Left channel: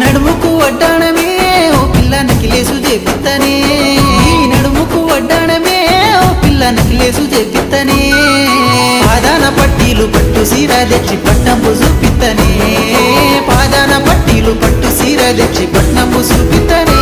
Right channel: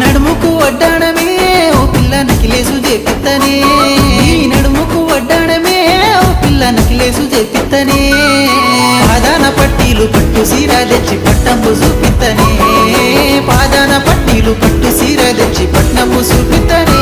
నడుముకు వడ్డాణమే ఓ పిల్ల నకిలేసు చేపిత్తనే నడుముకు వడ్డాణమే ఓ పిల్ల నకిలేసు చేపిత్తనే పాదాన పట్టీలు పట్టు సీర తెచ్చి పట్టంబు చూపిత్తనే పాదాన పట్టీలు పట్టు సీర తెచ్చి పట్నంబు చూపిత్తనే